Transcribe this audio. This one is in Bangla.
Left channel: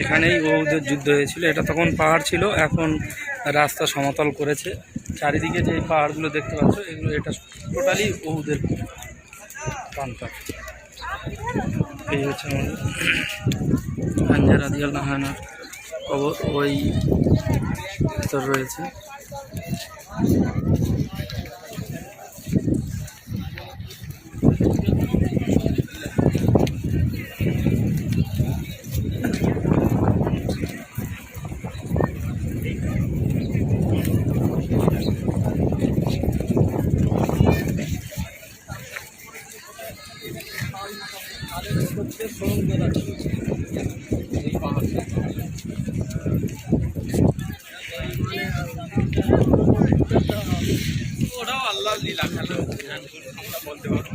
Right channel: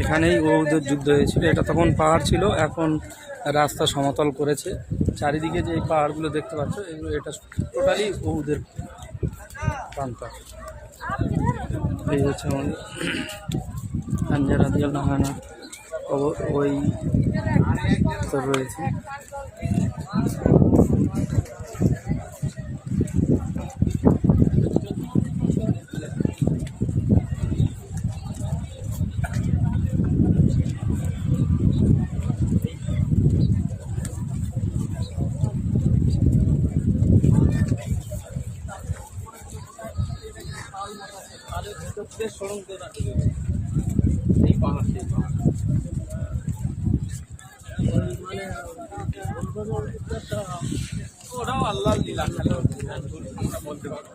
এখানেই ওদের যুদ্ধ হয়েছিল। এটা তখন পাহাড় ছিল, এখন রাস্তা সমতল করেছে। চারিদিকে যে পাহাড়গুলো দেখতে পাচ্ছ, এগুলো এটা টোটালি ওদের প্রান্তর। এই হচ্ছে আমাদের হামজা রাদিয়াল্লাহু আনহুর কবর, ওই তোর রয়েছে। ওটাও আল্লাহ লীলা খেলো বলতে পারবো।